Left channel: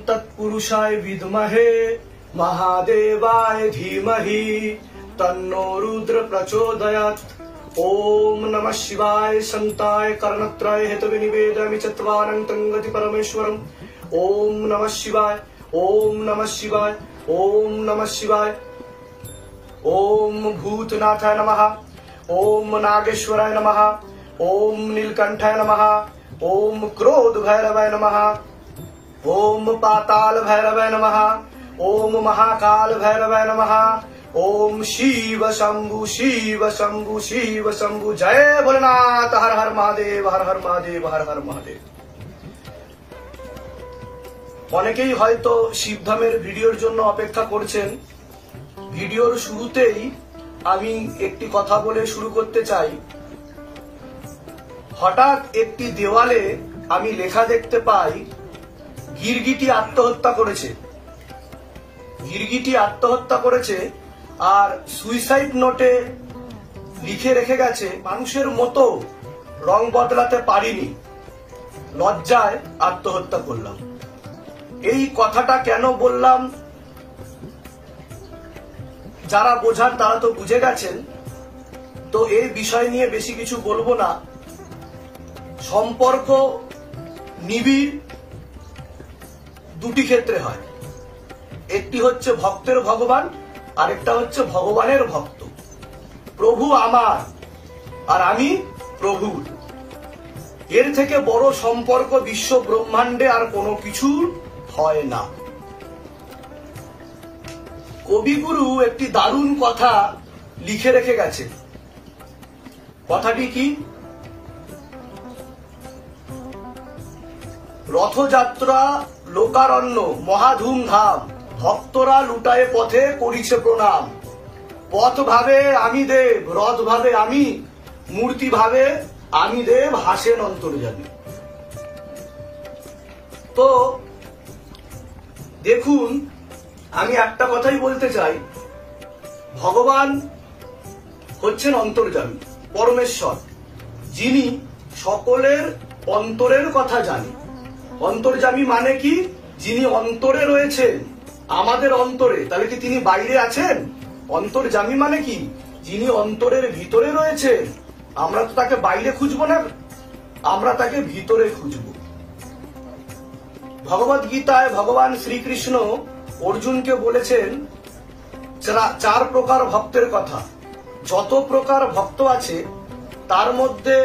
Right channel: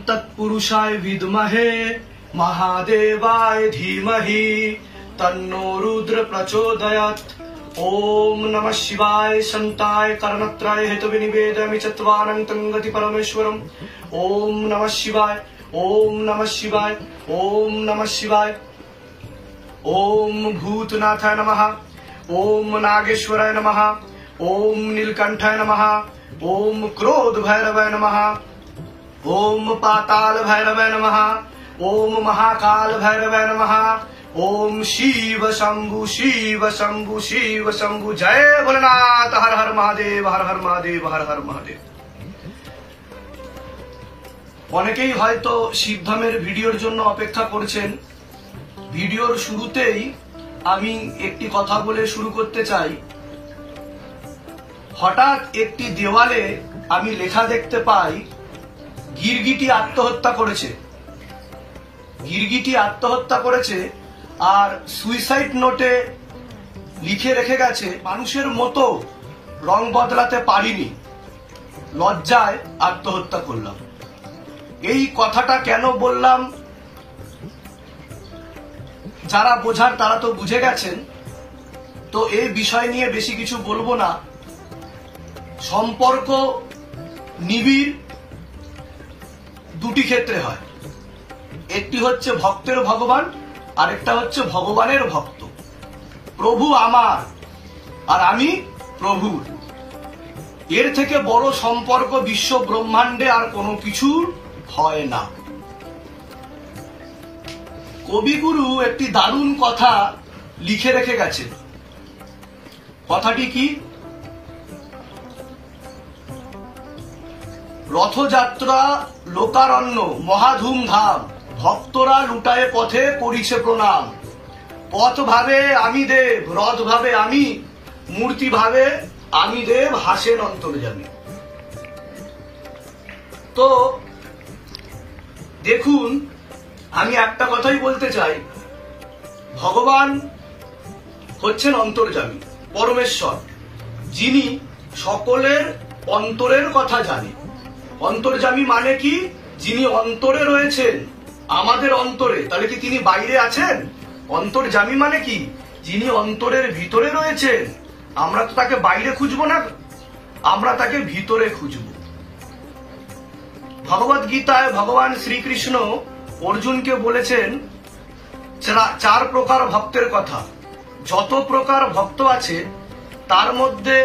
तत्पुरुषाय विद्महे महादेवाय धीमहि तन्नो रुद्र प्रचोदयात्। ओम नमः शिवाय संताय कर्णत्रय हेतु निवेदयामि चत्वारं गति परमेश्वरम्। ओम नमः शिवाय, ओम नमः शिवाय, ओम नमः शिवाय। ओम भूतनाथाय नमः, ओम नागेश्वराय नमः, ओम नीलकंठाय नमः, ओम क्रोध भैरवाय नमः, ओम पाताल भैरवाय नमः, ओम महाकाल भैरवाय नमः, ओम शिव शंभु शिव शंभु शिव शंभु। जय भोलेनाथ। हर हर महादेव, हर हर महादेव, हर हर महादेव। অনেকেই হয়তো শিবধামের ভিডিওর জন্য অপেক্ষা করছেন। ভিডিওর শুরুতেই আমি একটি কথা বলে শুরু করতে চাই। হঠাৎ একটি দেওয়ালে আমি লেখা দেখতে পাই গিরগিটি আত্মহত্যা করেছে। গিরগিটি আত্মহত্যা করেছে আর সুইসাইড নোটে লিখে রেখে গেছে, মানুষের মতো রং বদলাতে পারিনি, লজ্জায় আত্মহত্যা করলাম। এই কথাটা কেন বললাম, যারা বোঝার তারা তো বুঝে গেছেন, তো এই বিষয় নিয়ে বেশি কিছু বলবো না। সম্পর্ক নিবিড় দুটি ক্ষেত্রে হয়, একটি হচ্ছে ভক্তের ভগবান, আরেকটা হচ্ছে ভগবানের ভক্ত। প্রভু আমার আর আমি প্রভু, এর থেকে বড় সম্পর্ক বিশ্ব ব্রহ্মাণ্ডে আর কোনো কিছু হয় না। কবিগুরু একটি দারুণ কথা লিখে রেখে গেছে। কথাটি কি? রথযাত্রা লোকারণ্য মহাধুমধাম, ভক্তরা লুটায়ে পথে করিছে প্রণাম। পথ ভাবে আমি দেব, রথ ভাবে আমি, মূর্তি ভাবে আমি দেব, হাসেন অন্তর্যামী। তো দেখুন, আমি একটা কথাই বলতে চাই, ভগবান হচ্ছেন অন্তর্যামী, পরমেশ্বর, যিনি সকলের অন্তরের কথা জানে। অন্তর্যামী মানে কি? যিনি অন্তরে রয়েছেন, আমাদের অন্তরে। তাহলে কি তিনি বাইরে আছেন? অন্তর্যামী মানে কি? যিনি অন্তরের ভিতরে রয়েছেন। আমরা তো তাকে বাইরে খুঁজবো না, আমরা তাকে ভিতরে খুঁজবো। ভগবদ গীতায় ভগবান শ্রীকৃষ্ণ অর্জুনকে বলেছেন চার প্রকার ভক্তের কথা। যত প্রকার ভক্ত আছে তার মধ্যে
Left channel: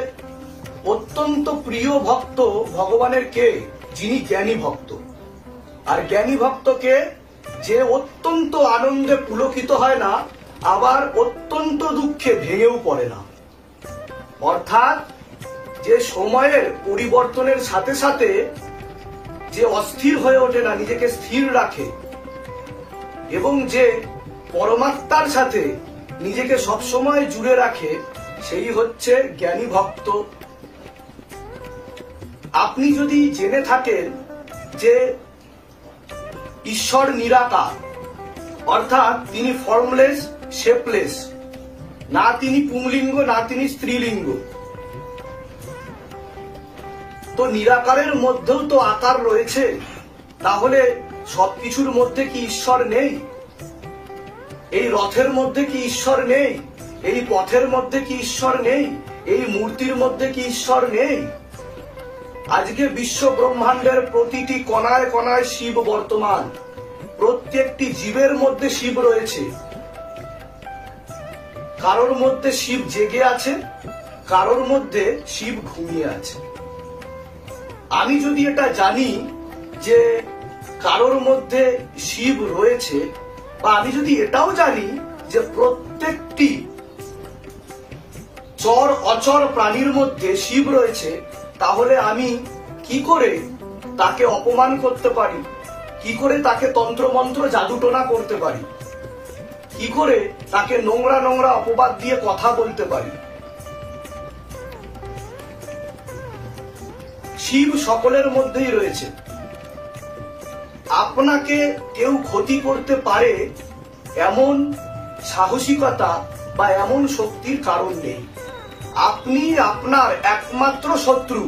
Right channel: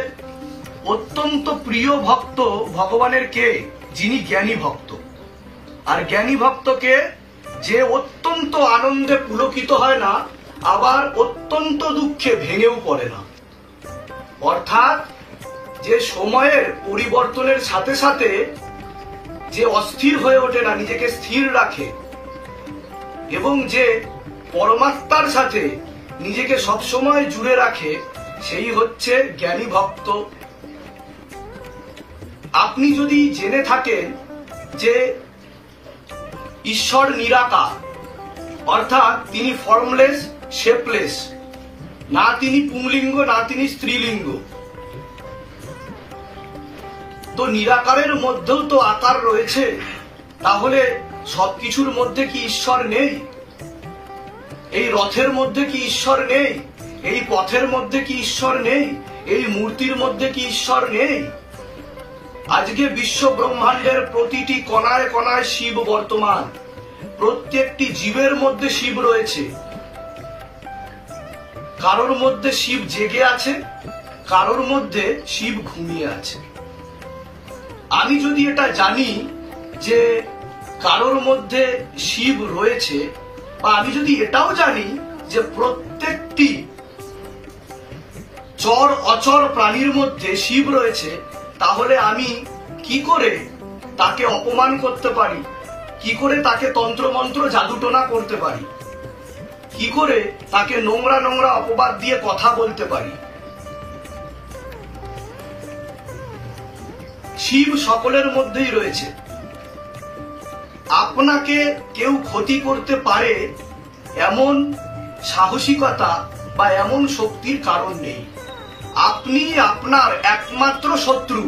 অত্যন্ত প্রিয় ভক্ত ভগবানের কে? যিনি জ্ঞানী ভক্ত। আর জ্ঞানী ভক্তকে যে অত্যন্ত আনন্দে পুলকিত হয় না, আবার অত্যন্ত দুঃখে ভেঙেও পড়ে না। অর্থাৎ যে সময়ের পরিবর্তনের সাথে সাথে যে অস্থির হয়ে ওঠে না, নিজেকে স্থির রাখে, এবং যে পরমাত্মার সাথে নিজেকে সবসময় জুড়ে রাখে, সেই হচ্ছে জ্ঞানী ভক্ত। আপনি যদি জেনে থাকেন যে ঈশ্বর নিরাকার, অর্থাৎ তিনি ফর্মলেস, শেপলেস, না তিনি পুংলিঙ্গ না তিনি স্ত্রীলিঙ্গ, তো নিরাকারের মধ্যেও তো আকার রয়েছে, তাহলে সবকিছুর মধ্যে কি ঈশ্বর নেই? এই রথের মধ্যে কি ঈশ্বর নেই? এই পথের মধ্যে কি ঈশ্বর নেই? এই মূর্তির মধ্যে কি ঈশ্বর নেই? আজকে বিশ্ব ব্রহ্মাণ্ডের প্রতিটি কণায় কণায় শিব বর্তমান। প্রত্যেকটি জীবের মধ্যে শিব রয়েছে। কারোর মধ্যে শিব জেগে আছে, কারোর মধ্যে শিব ঘুমিয়ে আছে। আমি যদি এটা জানি যে কারোর মধ্যে শিব রয়েছে, বা আমি যদি এটাও জানি যে প্রত্যেকটি চর অচর প্রাণীর মধ্যে শিব রয়েছে, তাহলে আমি কি করে তাকে অপমান করতে পারি? কি করে তাকে তন্ত্রমন্ত্র জাদুটোনা করতে পারি? কি করে তাকে নোংরা নোংরা অপবাদ দিয়ে কথা বলতে পারি? শিব সকলের মধ্যেই রয়েছে। আপনাকে কেউ ক্ষতি করতে পারে এমন সাহসিকতা বা এমন শক্তির কারণ নেই। আপনি আপনার একমাত্র শত্রু,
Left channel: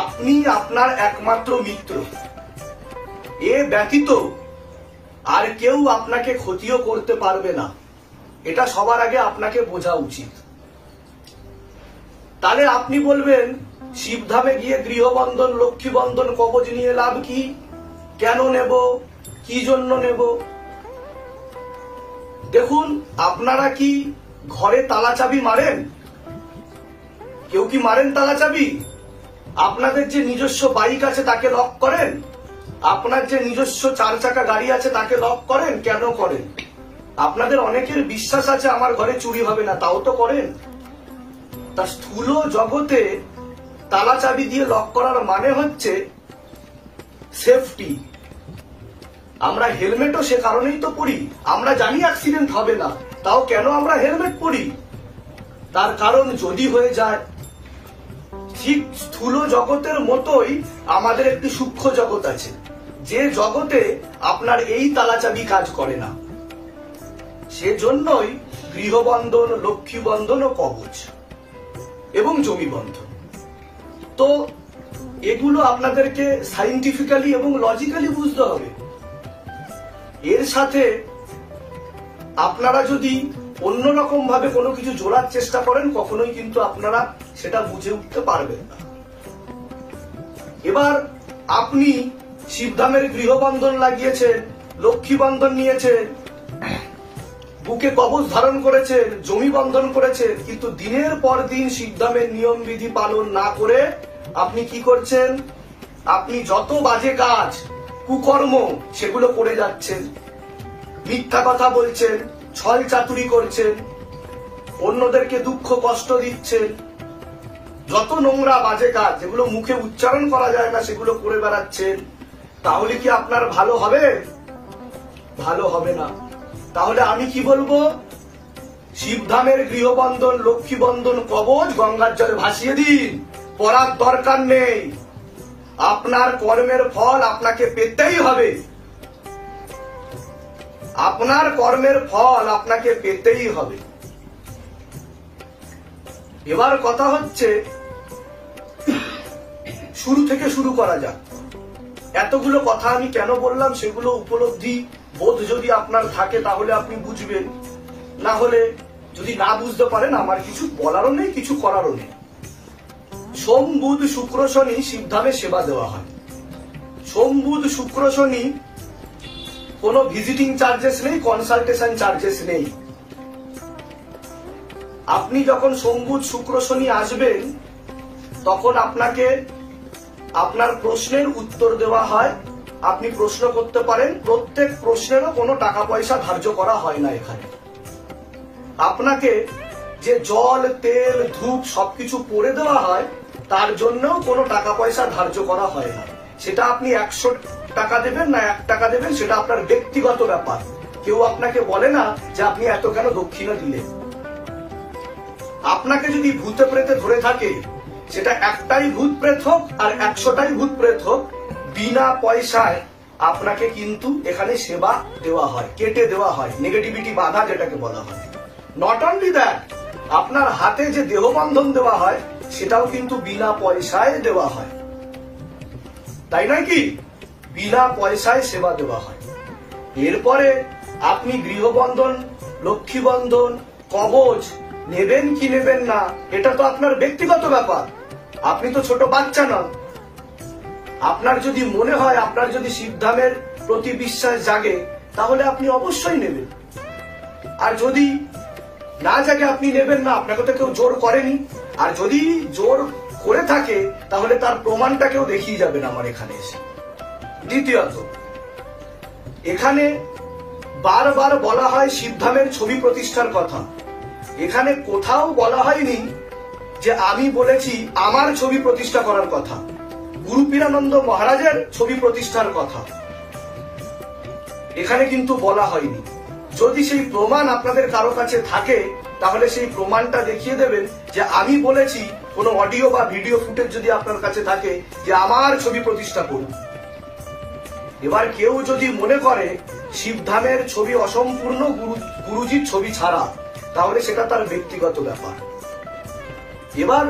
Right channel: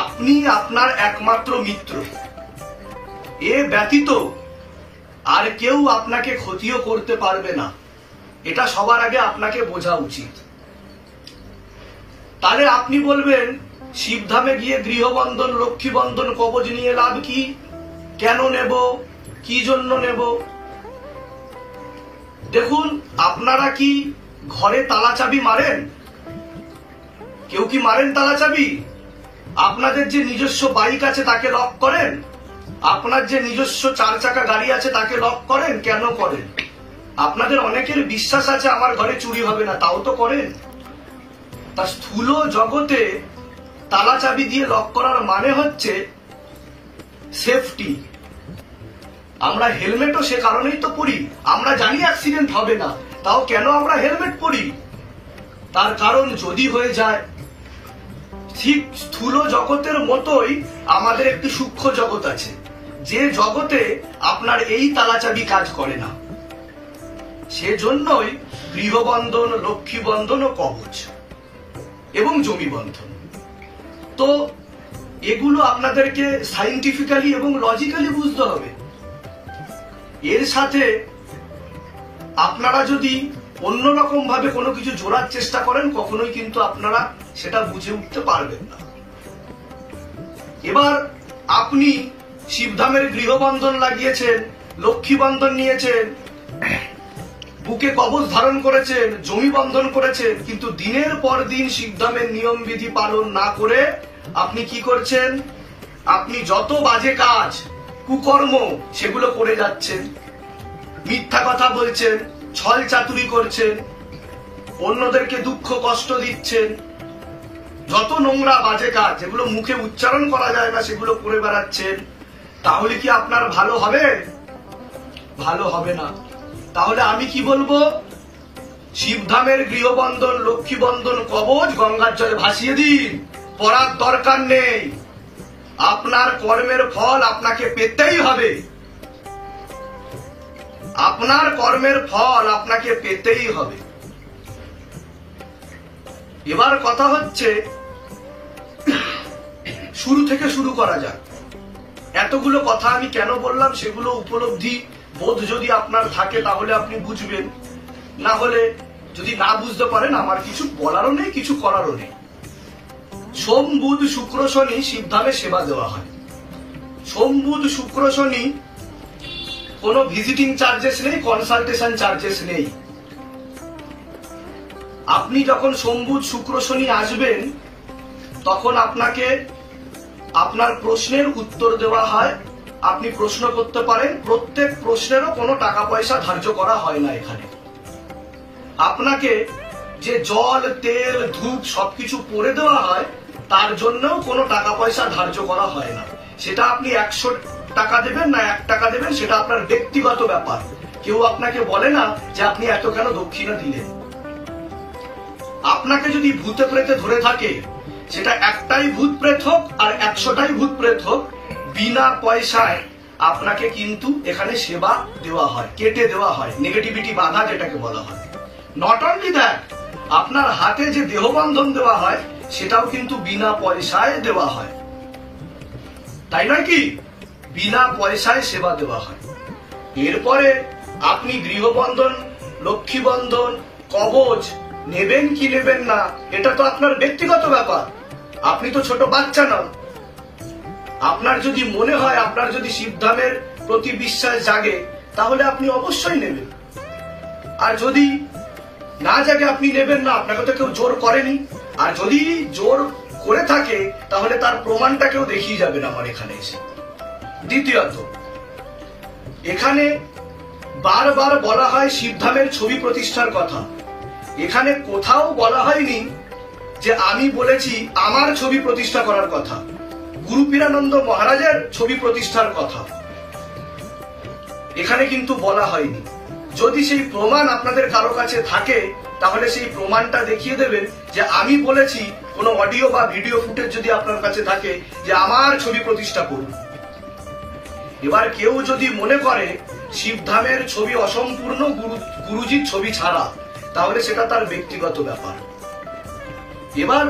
আপনি আপনার একমাত্র মিত্র। এ ব্যতীত আর কেউ আপনাকে ক্ষতিও করতে পারবে না, এটা সবার আগে আপনাকে বোঝা উচিত। তাহলে আপনি বলবেন শিবধামে গিয়ে গৃহবন্ধন, লক্ষ্মী বন্ধন, কবচ নিয়ে লাভ কি? কেন নেব? কি জন্য নেব? দেখুন, আপনারা কি ঘরে তালা চাবি মারেন? কেউ কি মারেন তালা চাবি? আপনাদের যে নিজস্ব বাইক আছে তাকে লক করেন? আপনার যে নিজস্ব 4 চাকা গাড়ি আছে তাকে লক করেন? কেন করেন? আপনাদের অনেকের বিশ্বাস আছে আমার ঘরে চুরি হবে না, তাও তো করেন। তা স্থূল জগতে তালা চাবি দিয়ে লক করার মানে হচ্ছে সেফটি। আমরা হেলমেটও সে কারণেই তো পরি, আমরা জানি অ্যাক্সিডেন্ট হবে না, তাও কেন আমরা হেলমেট পরি? তার কারণ যদি হয়ে যায়। ঠিক স্থূল জগতের মতোই আমাদের একটি সূক্ষ্ম জগৎ আছে, যে জগতে আপনার এই তালা চাবি কাজ করে না। সেজন্যই গৃহবন্ধন, লক্ষ্মী বন্ধন ও কবচ এবং জমি বন্ধন। তো এগুলো আপনাদেরকে সাইন্টিফিক্যালি এবং লজিক্যালি বুঝতে হবে। এর সাথে আপনারা যদি অন্যরকম ভাবে কোনো কিছু জোড়ার চেষ্টা করেন, কখনোই কিন্তু আপনারা সেটা বুঝে উঠতে পারবেন না। এবার আপনি শিবধামের গৃহবন্ধন লাগিয়েছেন, লক্ষ্মী বন্ধন নিয়েছেন, বুকে কবচ ধারণ করেছেন, জমি বন্ধন করেছেন, কিন্তু দিনের পর দিন শিবধামের নিয়ম বিধি পালন না করে আপনি কি করছেন? আপনি যত বাজে কাজ, কুকর্ম সেগুলো করে যাচ্ছেন। মিথ্যা কথা বলছেন, ছল চাতুরি করছেন, অন্যদেরকে দুঃখ কষ্ট দিচ্ছেন, যত নোংরা বাজে কাজ যেগুলো মুখে উচ্চারণ করা যায় না সেগুলো করে বেড়াচ্ছেন। তাহলে কি আপনার ভালো হবে? ভালো হবে না। তাহলে আমি কি বলবো? শিবধামের গৃহবন্ধন, লক্ষ্মী বন্ধন, কবচ গঙ্গার জলে ভাসিয়ে দিন, পড়ার দরকার নেই। আপনার কর্মের ফল আপনাকে পেতেই হবে। আপনার কর্মের ফল আপনাকে পেতেই হবে। এবার কথা হচ্ছে, শুরু থেকে শুরু করা যাক। এতগুলো কথা আমি কেন বললাম সেগুলো উপলব্ধি বোধ যদি আপনার থাকে তাহলে আপনি বুঝবেন, না হলে যদি না বুঝতে পারেন আমার কিছু বলারও নেই, কিছু করারও নেই। সোম, বুধ, শুক্র, শনি শিবধামে সেবা দেওয়া হয়। সোম, বুধ, শুক্র, শনি কোনো ভিজিটিং চার্জেস নেই, কনসালটেশন চার্জেস নেই। আপনি যখন সোম, বুধ, শুক্র, শনি আসবেন তখন আপনাকে আপনার প্রশ্নের উত্তর দেওয়া হয়। আপনি প্রশ্ন করতে পারেন, প্রত্যেক প্রশ্নেরও কোনো টাকা পয়সা ধার্য করা হয় না এখানে। আপনাকে যে জল, তেল, ধূপ সবকিছু পরে দেওয়া হয় তার জন্যও কোনো টাকা পয়সা ধার্য করা হয় না। সেটা আপনি 100 টাকা দেবেন না 1 টাকা দেবেন সেটা আপনার ব্যক্তিগত ব্যাপার। কেউ আপনাকে বলে না যে আপনি এত কেন দক্ষিণা দিলেন। আপনাকে যদি ভূতে প্রেতে ধরে থাকে, সেটা একটাই ভূত প্রেত হোক আর 100টাই ভূত প্রেত হোক, বিনা পয়সায় আপনাকে কিন্তু এখানে সেবা দেওয়া হয়, কেটে দেওয়া হয়, নেগেটিভিটি বাধা যেটাকে বলা হয়। নট অনলি দ্যাট, আপনার হাতে যে দেহবন্ধন দেওয়া হয় সেটাও কিন্তু বিনা পয়সায় দেওয়া হয়, তাই নয় কি? বিনা পয়সায় সেবা দেওয়া হয়। এরপরে আপনি গৃহবন্ধন, লক্ষ্মী বন্ধন, কবচ নেবেন কি নেবেন না এটা তো আপনার ব্যক্তিগত ব্যাপার। আপনি তো ছোট বাচ্চা নন। আপনার যদি মনে হয়, আপনার যদি শিবধামের প্রতি বিশ্বাস জাগে তাহলে আপনি অবশ্যই নেবেন। আর যদি না জাগে আপনি নেবেন না, আপনাকে তো কেউ জোর করেনি। আর যদি জোর করে থাকে তাহলে তার প্রমাণটা কেউ দেখিয়ে যাবেন আমার এখানে এসে। দ্বিতীয়ত, এখানে বারবার বলা হয় শিবধামের ছবি প্রতিষ্ঠার কথা। এখানে কোথাও বলা হয়নি যে আমি বলেছি আমার ছবি প্রতিষ্ঠা করার কথা, গুরু পীরানন্দ মহারাজের ছবি প্রতিষ্ঠার কথা এখানে কিন্তু বলা হয়নি। যদি সেই প্রমাণ আপনাদের কারো কাছে থাকে তাহলে সেই প্রমাণটা দেখিয়ে দেবেন যে আমি বলেছি। কোনো অডিও বা ভিডিও ফুটেজ যদি আপনার কাছে থাকে যে আমার ছবি প্রতিষ্ঠা করুন। এবার কেউ যদি মনে করে শিবধামের ছবি অসম্পূর্ণ গুরুজির ছবি ছাড়া, তাহলে সেটা তার ব্যক্তিগত ব্যাপার। এবার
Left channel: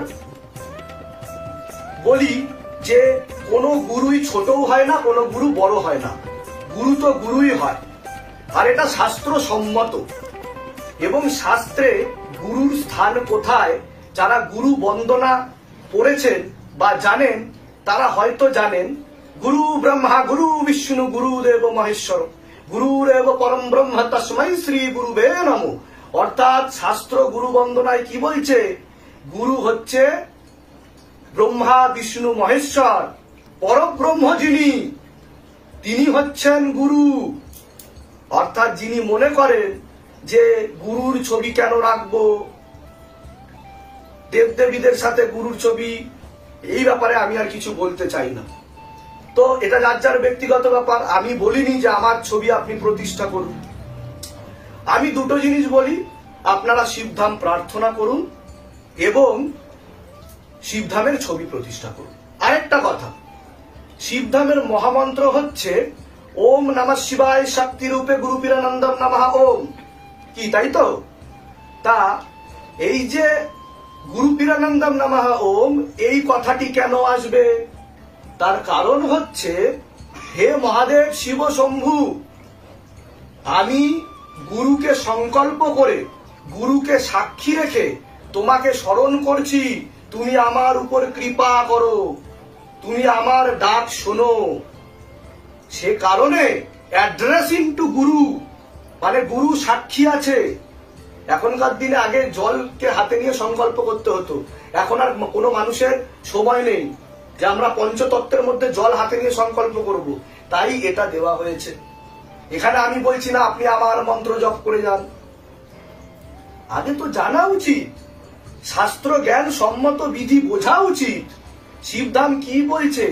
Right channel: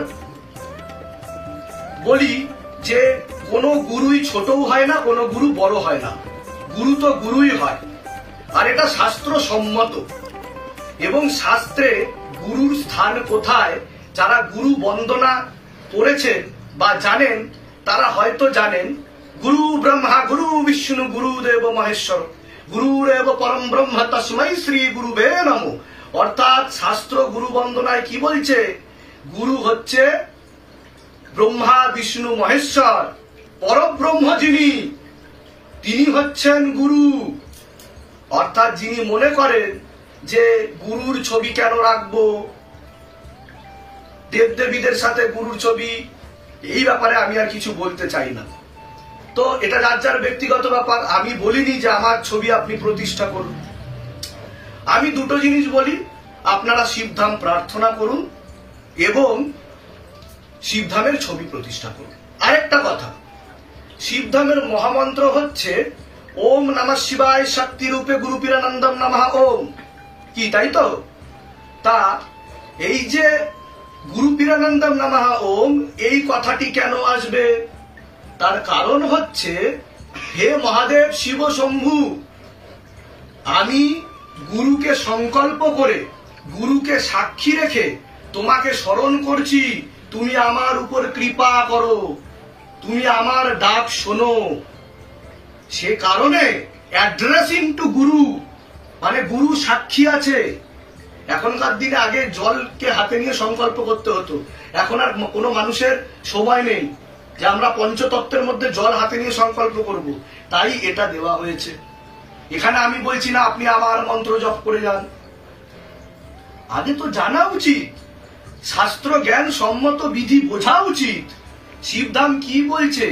বলি যে কোনো গুরুই ছোটও হয় না, কোনো গুরু বড় হয় না, গুরু তো গুরুই হয়। আর এটা শাস্ত্র সম্মত, এবং শাস্ত্রে গুরুর স্থান কোথায় যারা গুরু বন্দনা পড়েছেন বা জানেন তারা হয়তো জানেন, গুরু ব্রহ্মা গুরু বিষ্ণু গুরুদেব মহেশ্বর গুরুরেব পরম ব্রহ্ম তস্मै শ্রী গুরুবে নমঃ। অর্থাৎ শাস্ত্র গুরু বন্দনায় কি বলছে? গুরু হচ্ছে ব্রহ্মা বিষ্ণু মহেশ্বর, পরব্রহ্ম যিনি, তিনি হচ্ছেন গুরু। অর্থাৎ যিনি মনে করেন যে গুরুর ছবি কেন রাখবো, দেবদেবীদের সাথে গুরুর ছবি, এই ব্যাপারে আমি আর কিছু বলতে চাই না। তো এটা যার যার ব্যক্তিগত ব্যাপার। আমি বলিনি যে আমার ছবি আপনি প্রতিষ্ঠা করুন। আমি দুটো জিনিস বলি, আপনারা শিবধাম প্রার্থনা করুন এবং শিবধামের ছবি প্রতিষ্ঠা করুন। আরেকটা কথা, শিবধামের মহামন্ত্র হচ্ছে ওম নমঃ শিবায় শক্তি রূপে গুরু পীরানন্দম নমঃ ওম। কি তাই তো? তা এই যে গুরু পীরানন্দম নমঃ ওম, এই কথাটি কেন আসবে? তার কারণ হচ্ছে, হে মহাদেব শিব শম্ভু, আমি গুরুকে সংকল্প করে, গুরুকে সাক্ষী রেখে তোমাকে স্মরণ করছি, তুমি আমার উপর কৃপা করো, তুমি আমার ডাক শোনো। সে কারণে অ্যাড্রেসিং টু গুরু, মানে গুরু সাক্ষী আছে। এখনকার দিনে আগে জলকে হাতে নিয়ে সংকল্প করতে হতো, এখন আর কোনো মানুষের সময় নেই যে আমরা পঞ্চতত্ত্বের মধ্যে জল হাতে নিয়ে সংকল্প করব, তাই এটা দেওয়া হয়েছে। এখানে আমি বলছি না আপনি আমার মন্ত্র জপ করে যান, আগে তো জানা উচিত, শাস্ত্র জ্ঞান সম্মত বিধি বোঝা উচিত, শিবধাম কি বলছে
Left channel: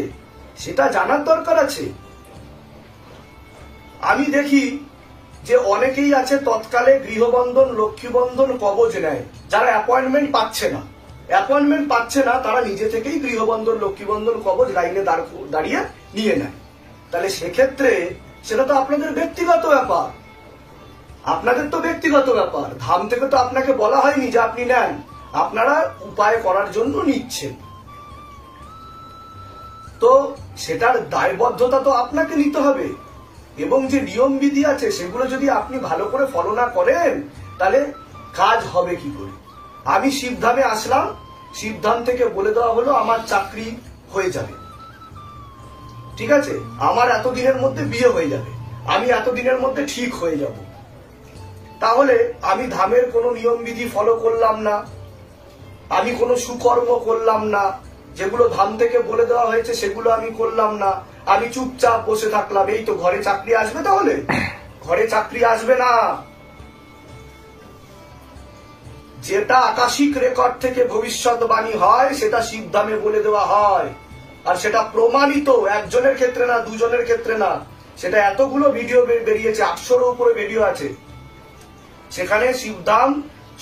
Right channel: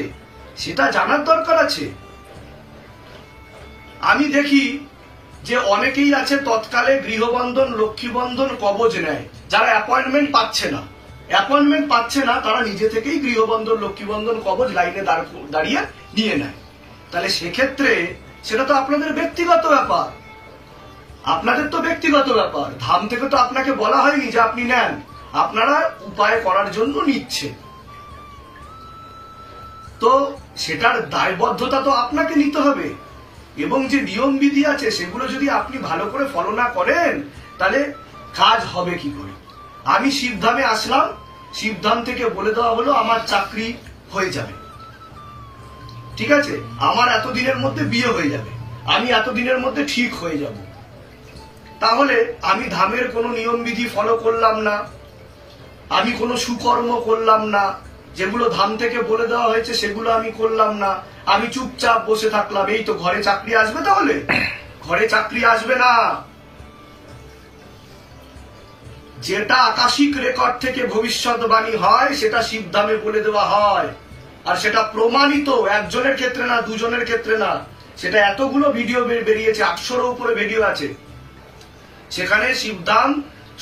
সেটা জানার দরকার আছে। আমি দেখি যে অনেকেই আছে তৎকালে গৃহবন্ধন, লক্ষ্মীবন্ধন, কবচ নেয়, যারা অ্যাপয়েন্টমেন্ট পাচ্ছে না তারা নিজে থেকেই গৃহবন্ধন, লক্ষ্মীবন্ধন, কবচ লাইনে দাঁড়িয়ে নিয়ে নেয়। তাহলে সেক্ষেত্রে সেটা তো আপনাদের ব্যক্তিগত ব্যাপার, আপনাদের তো ব্যক্তিগত ব্যাপার, ধাম থেকে তো আপনাকে বলা হয়নি যে আপনি নেন, আপনারা উপায় করার জন্য নিচ্ছেন। তো সেটার দায়বদ্ধতা তো আপনাকে নিতে হবে, এবং যে নিয়ম বিধি আছে সেগুলো যদি আপনি ভালো করে ফলো না করেন তাহলে কাজ হবে কি করে? আমি শিবধামে আসলাম, শিবধাম থেকে বলে দেওয়া হলো আমার চাকরি হয়ে যাবে, ঠিক আছে, আমার এতদিনের মধ্যে বিয়ে হয়ে যাবে, আমি এতদিনের মধ্যে ঠিক হয়ে যাব। তাহলে আমি ধামের কোনো নিয়ম বিধি ফলো করলাম না, আমি কোনো সুকর্ম করলাম না, যেগুলো ধাম থেকে বলে দেওয়া হয়েছে সেগুলো আমি করলাম না, আমি চুপচাপ বসে থাকলাম, এই তো ঘরে চাকরি আসবে? তাহলে ঘরে চাকরি আসবে না। যেটা আকাশিক রেকর্ড থেকে ভবিষ্যৎবাণী হয় সেটা শিবধামে বলে দেওয়া হয়, আর সেটা প্রমাণিত, একজনের ক্ষেত্রে না, দুজনের ক্ষেত্রে না, সেটা এতগুলো ভিডিও বেরিয়েছে, 800-এর উপরে ভিডিও আছে, সেখানে শিবধাম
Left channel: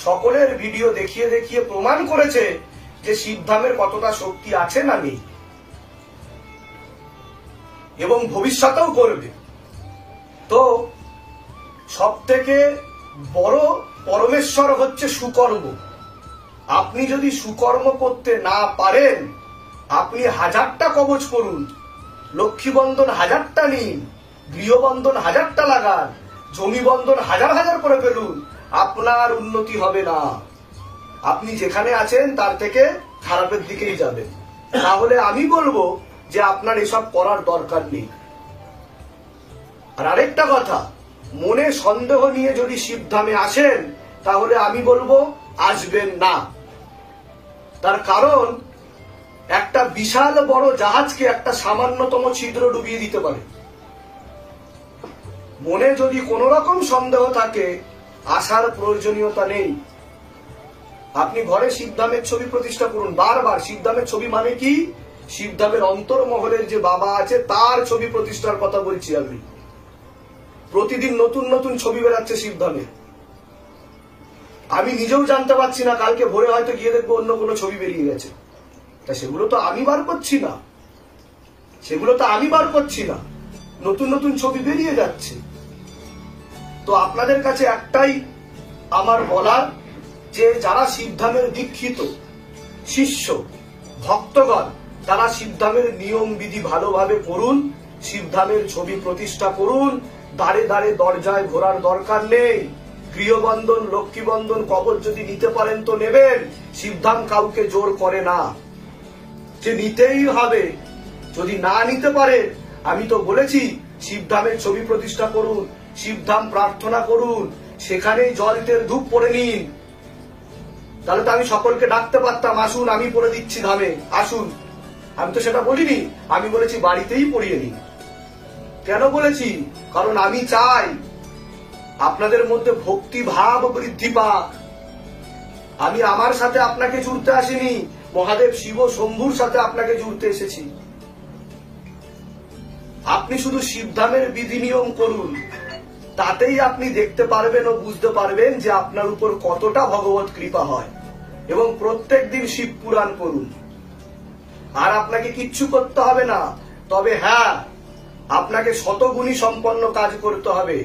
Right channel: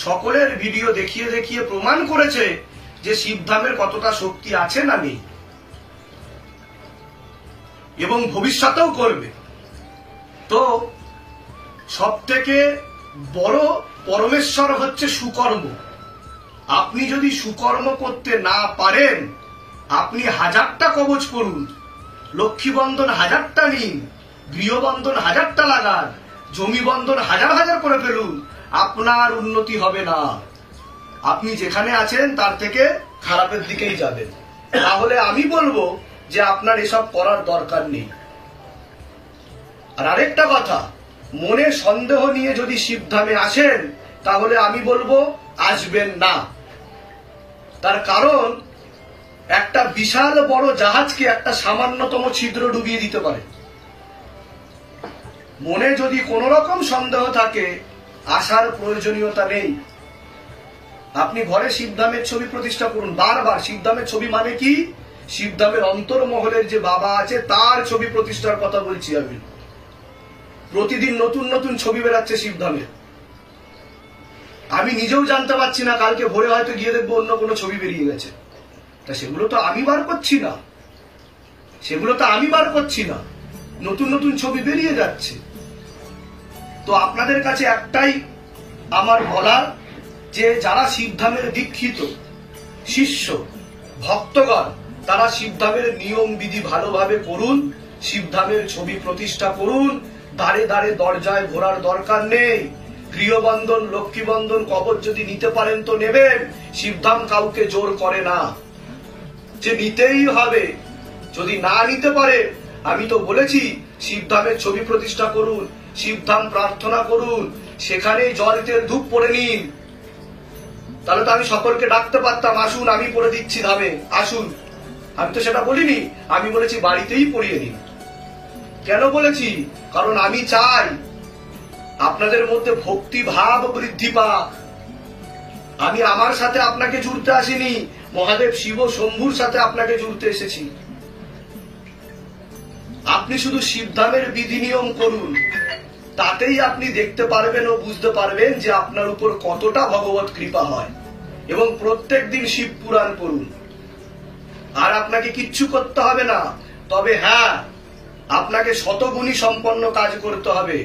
সকলের ভিডিও দেখিয়ে দেখিয়ে প্রমাণ করেছে যে শিবধামের কতটা শক্তি আছে না নেই, এবং ভবিষ্যতেও করবে। তো সব থেকে বড় পরমেশ্বর হচ্ছে সুকর্ম। আপনি যদি সুকর্ম করতে না পারেন, আপনি 1000টা কবচ করুন, লক্ষ্মীবন্ধন 1000টা নিন, গৃহবন্ধন 1000টা লাগান, জমি বন্ধন 1000 করে ফেলুন, আপনার উন্নতি হবে না। আপনি যেখানে আছেন তার থেকে খারাপের দিকেই যাবেন। তাহলে আমি বলবো যে আপনার এসব করার দরকার নেই। আর আরেকটা কথা, মনে সন্দেহ নিয়ে যদি শিবধামে আসেন তাহলে আমি বলবো আসবেন না। তার কারণ একটা বিশাল বড় জাহাজকে একটা সামান্যতম ছিদ্র ডুবিয়ে দিতে পারে। মনে যদি কোনো রকম সন্দেহ থাকে, আসার প্রয়োজনীয়তা নেই। আপনি ঘরে শিবধামের ছবি প্রতিষ্ঠা করুন, বারবার। শিবধামের ছবি মানে কি? শিবধামের অন্তর্মহলের যে বাবা আছে তার ছবি প্রতিষ্ঠার কথা বলছি আমি। প্রতিদিন নতুন নতুন ছবি বেরাচ্ছে শিবধামে, আমি নিজেও জানতে পারছি না, কালকে ভোরে হয়তো গিয়ে দেখবো অন্য কোনো ছবি বেরিয়ে গেছে। তা সেগুলো তো আমি বার করছি না, নতুন নতুন ছবি বেরিয়ে যাচ্ছে। তো আপনাদের কাছে একটাই আমার বলার, যে যারা শিবধামের দীক্ষিত শিষ্য ভক্তগণ তারা শিবধামের নিয়ম বিধি ভালোভাবে করুন, শিবধামের ছবি প্রতিষ্ঠা করুন। দাঁড়ে দাঁড়ে দরজায় ঘোরার দরকার নেই। গৃহবন্ধন, লক্ষ্মীবন্ধন, কবচ যদি নিতে পারেন তো নেবেন। শিবধাম কাউকে জোর করে না যে নিতেই হবে। যদি না নিতে পারে, আমি তো বলেছি শিবধামের ছবি প্রতিষ্ঠা করুন, শিবধাম প্রার্থনা করুন, সেখানেই জল তেল ধূপ পড়ে নিন। তাহলে তো আমি সকলকে ডাকতে পারতাম, আসুন আমি পড়ে দিচ্ছি ধামে, আসুন। আমি তো সেটা বলিনি, আমি বলেছি বাড়িতেই পড়িয়ে নিন। কেন বলেছি? কারণ আমি চাই আপনাদের মধ্যে ভক্তি ভাব বৃদ্ধি পাক। আমি আমার সাথে আপনাকে জুড়তে আসিনি, মহাদেব শিব শম্ভুর সাথে আপনাকে জুড়তে এসেছি। আপনি শুধু শিবধামের বিধি নিয়ম করুন, তাতেই আপনি দেখতে পারবেন ও বুঝতে পারবেন যে আপনার উপর কতটা ভগবত কৃপা হয়। এবং প্রত্যেক দিন শিব পুরাণ পড়ুন। আর আপনাকে কিচ্ছু করতে হবে না, তবে হ্যাঁ, আপনাকে শতগুণী সম্পন্ন কাজ করতে হবে।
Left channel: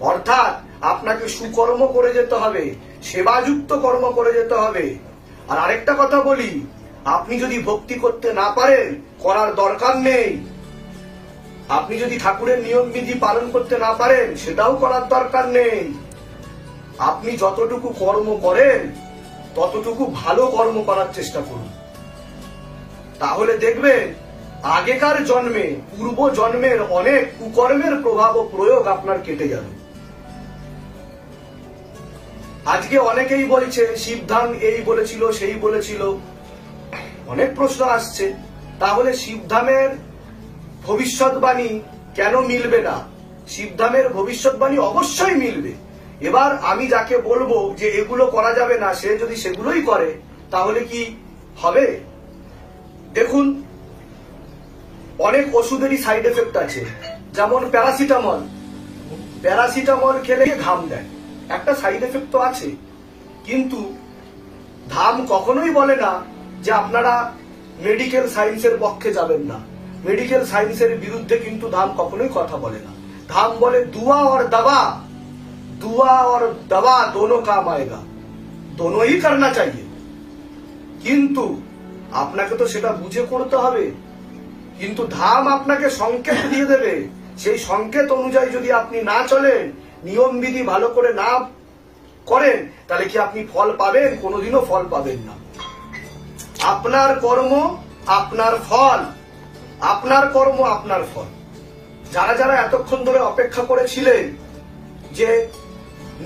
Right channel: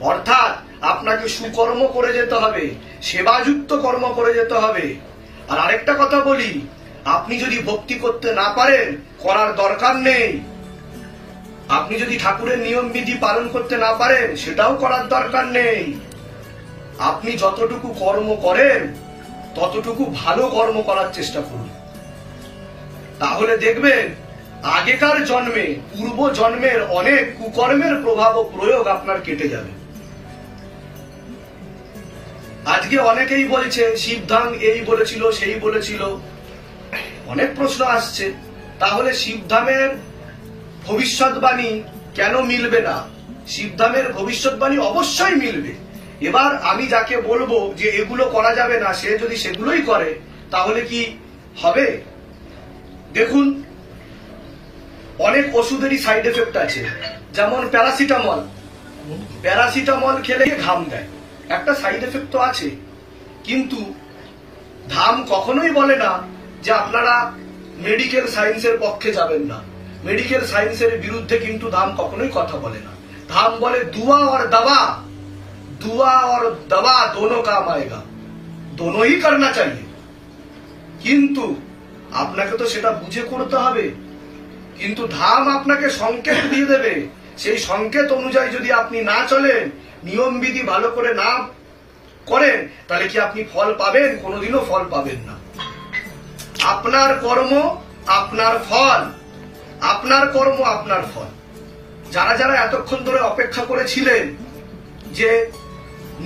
অর্থাৎ আপনাকে সুকর্ম করে যেতে হবে, সেবাযুক্ত কর্ম করে যেতে হবে। আর আরেকটা কথা বলি, আপনি যদি ভক্তি করতে না পারেন, করার দরকার নেই। আপনি যদি ঠাকুরের নিয়ম বিধি পালন করতে না পারেন, সেটাও করার দরকার নেই। আপনি যতটুকু কর্ম করেন ততটুকু ভালো কর্ম করার চেষ্টা করুন। তাহলে দেখবেন আগেকার জন্মে, পূর্ব জন্মের অনেক কুকর্মের প্রভাব ও প্রয়োগ আপনার কেটে যাবে। আজকে অনেকেই বলছে শিবধাম এই বলেছিল, সেই বলেছিল, অনেক প্রশ্ন আসছে। তাহলে শিবধামের ভবিষ্যৎবাণী কেন মিলবে না? শিবধামের ভবিষ্যৎবাণী অবশ্যই মিলবে। এবার আমি যাকে বলবো যে এগুলো করা যাবে না, সে যদি সেগুলোই করে, তাহলে কি হবে? দেখুন, অনেক ওষুধেরই সাইড এফেক্ট আছে। যেমন প্যারাসিটামল, প্যারাসিটামল খেলে ঘাম দেয়, একটা সাইড এফেক্ট তো আছে। কিন্তু ধাম কখনোই বলে না যে আপনারা মেডিকেল সায়েন্সের পক্ষে যাবেন না। মেডিকেল সায়েন্সের বিরুদ্ধে কিন্তু ধাম কখনোই কথা বলে না। ধাম বলে দুয়া और दवा, दुआ और दवा दोनों काम आएगा, दोनों ही करना चाहिए। কিন্তু আপনাকে তো সেটা বুঝে করতে হবে। কিন্তু ধাম আপনাকে সংকেত দিয়ে দেবে, সেই সংকেত অনুযায়ী যদি আপনি না চলেন, নিয়ম বিধি ভালো করে না করেন, তাহলে কি আপনি ফল পাবেন? কোনোদিনও ফল পাবেন না। আপনার কর্ম আপনার ফল, আপনার কর্ম আপনার ফল। যারা যারা এতক্ষণ ধরে অপেক্ষা করেছিলেন যে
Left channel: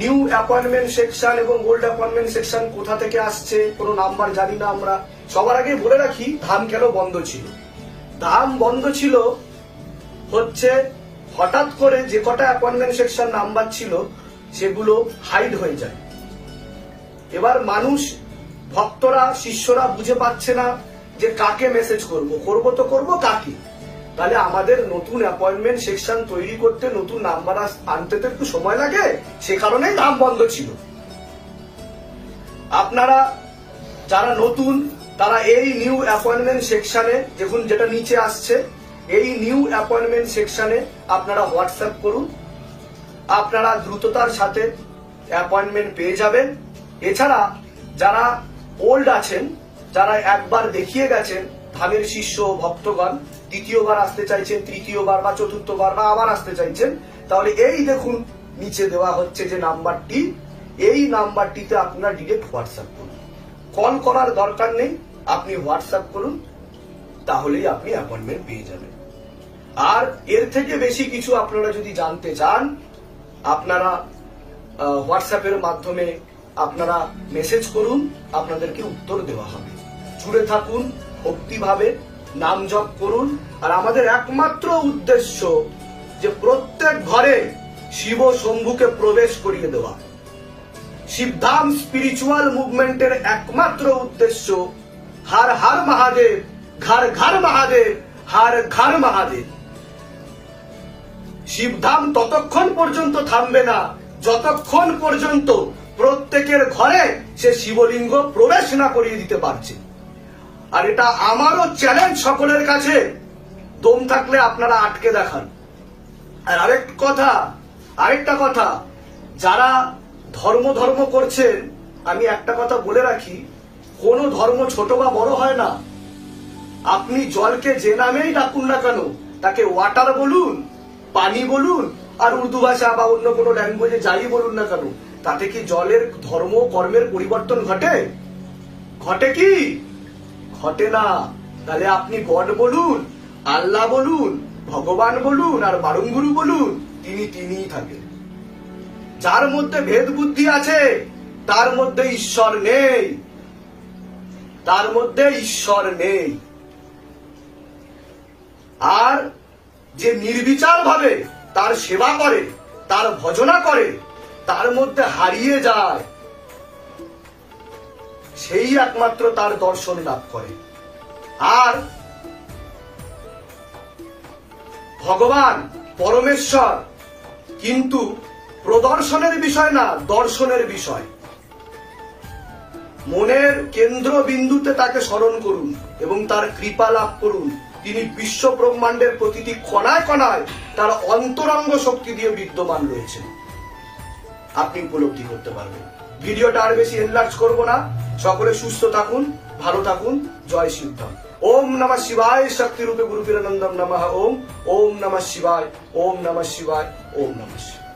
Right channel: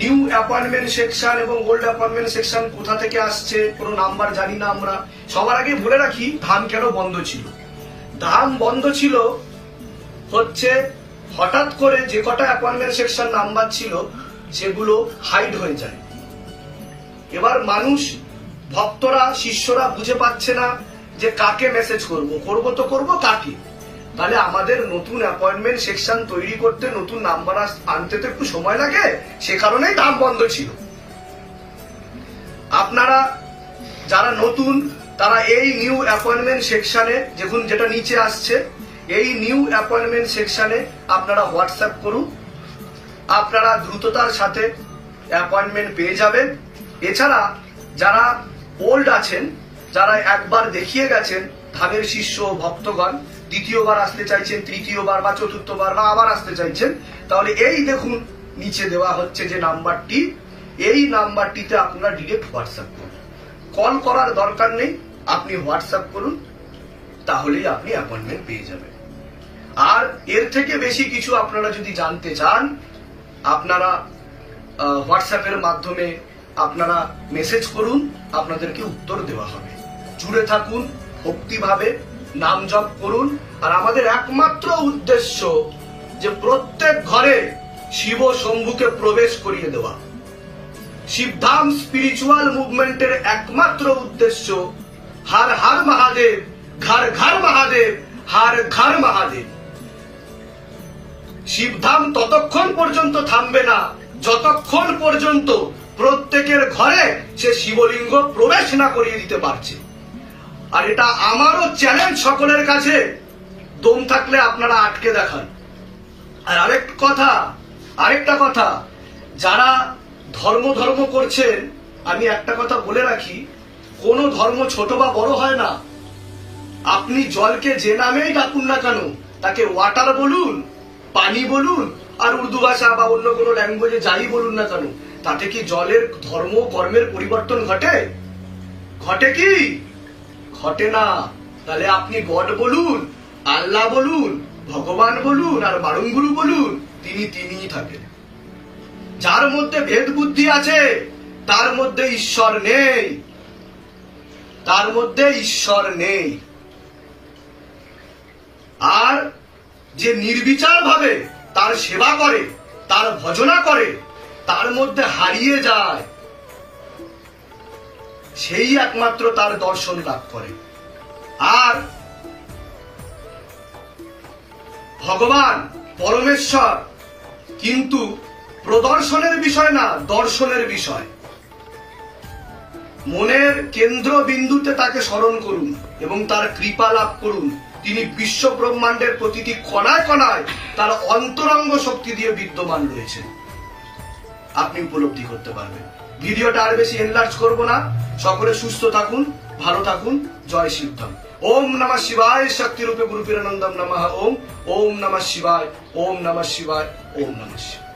নিউ অ্যাপয়েন্টমেন্ট সেকশন এবং ওল্ড অ্যাপয়েন্টমেন্ট সেকশন কোথা থেকে আসছে, কোনো নাম্বার জানি না আমরা। সবার আগে বলে রাখি ধাম কেন বন্ধ ছিল। ধাম বন্ধ ছিল হচ্ছে হঠাৎ করে যে কটা অ্যাপয়েন্টমেন্ট সেকশন নাম্বার ছিল সেগুলো হাইড হয়ে যায়। এবার মানুষ, ভক্তরা, শিষ্যরা বুঝে পাচ্ছে না যে কাকে মেসেজ করব, করব তো করব কাকে। তাহলে আমাদের নতুন অ্যাপয়েন্টমেন্ট সেকশন তৈরি করতে, নতুন নাম্বার আনতে তো একটু সময় লাগে, সে কারণেই ধাম বন্ধ ছিল। আপনারা যারা নতুন, তারা এই নিউ অ্যাপয়েন্টমেন্ট সেকশনে, দেখুন যেটা নিচে আসছে, এই নিউ অ্যাপয়েন্টমেন্ট সেকশনে আপনারা হোয়াটসঅ্যাপ করুন, আপনারা দ্রুততার সাথে অ্যাপয়েন্টমেন্ট পেয়ে যাবেন। এছাড়া যারা ওল্ড আছেন, যারা একবার দেখিয়ে গেছেন, ধামের শিষ্য ভক্তগণ, দ্বিতীয়বার আসতে চাইছেন, তৃতীয়বার বা চতুর্থবার বা আবার আসতে চাইছেন, তাহলে এই দেখুন নিচে দেওয়া হচ্ছে যে নাম্বারটি, এই নাম্বারটিতে আপনারা ডিরেক্ট হোয়াটসঅ্যাপ করুন। কল করার দরকার নেই, আপনি হোয়াটসঅ্যাপ করুন, তাহলেই আপনি অ্যাপয়েন্টমেন্ট পেয়ে যাবেন। আর এর থেকে বেশি কিছু আপনারা যদি জানতে চান, আপনারা হোয়াটসঅ্যাপের মাধ্যমে আপনারা মেসেজ করুন, আপনাদেরকে উত্তর দেওয়া হবে। জুড়ে থাকুন, ভক্তিভাবে নাম জপ করুন। আর আমাদের একমাত্র উদ্দেশ্য যে প্রত্যেক ঘরে শিব শম্ভুকে প্রবেশ করিয়ে দেওয়া। শিবধাম স্পিরিচুয়াল মুভমেন্টের একমাত্র উদ্দেশ্য হর হর মহাদেব, ঘর ঘর মহাদেব, হর ঘর মহাদেব। শিবধাম ততক্ষণ পর্যন্ত থামবে না যতক্ষণ পর্যন্ত প্রত্যেকের ঘরে সে শিবলিঙ্গ প্রবেশ না করিয়ে দিতে পারছে। আর এটা আমারও চ্যালেঞ্জ সকলের কাছে, দম থাকলে আপনারা আটকে দেখান। আর আরেকটা কথা, যারা ধর্ম করছেন, আমি একটা কথা বলে রাখি, কোন ধর্ম ছোট বা বড় হয় না। আপনি জলকে যে নামেই ডাকুন না কেন, তাকে ওয়াটার বলুন, পানি বলুন, আর উর্দু ভাষা বা অন্য কোনো ল্যাঙ্গুয়েজে যাই বলুন না কেন, তাতে কি জলের ধর্ম কর্মের পরিবর্তন ঘটে? ঘটে কি? ঘটে না। তাহলে আপনি গড বলুন, আল্লাহ বলুন, ভগবান বলুন, আর বারুঙ্গুরু বলুন, তিনি তিনিই থাকেন। যার মধ্যে ভেদ বুদ্ধি আছে তার মধ্যে ঈশ্বর নেই, তার মধ্যে ঈশ্বর নেই। আর যে নির্বিচার ভাবে তার সেবা করে, তার ভজনা করে, তার মধ্যে হারিয়ে যায়, সেই একমাত্র তার দর্শন লাভ করে। আর ভগবান পরমেশ্বর কিন্তু প্রদর্শনের বিষয় না, দর্শনের বিষয়। মনের কেন্দ্রবিন্দুতে তাকে স্মরণ করুন এবং তার কৃপা লাভ করুন। তিনি বিশ্ব ব্রহ্মাণ্ডের প্রতিটি কণায় কণায় তার অন্তরঙ্গ শক্তি দিয়ে বিদ্যমান রয়েছেন। আপনি উপলব্ধি করতে পারবেন। ভিডিওটা আর বেশি এনলার্জ করব না। সকলে সুস্থ থাকুন, ভালো থাকুন। জয় শিবধাম। ওম নমঃ শিবায়। শক্তি রূপে গুরু পীরানন্দম নমঃ। ওম ওম নমঃ শিবায়। ওম নমঃ শিবায়। ওম নমঃ শিবায়।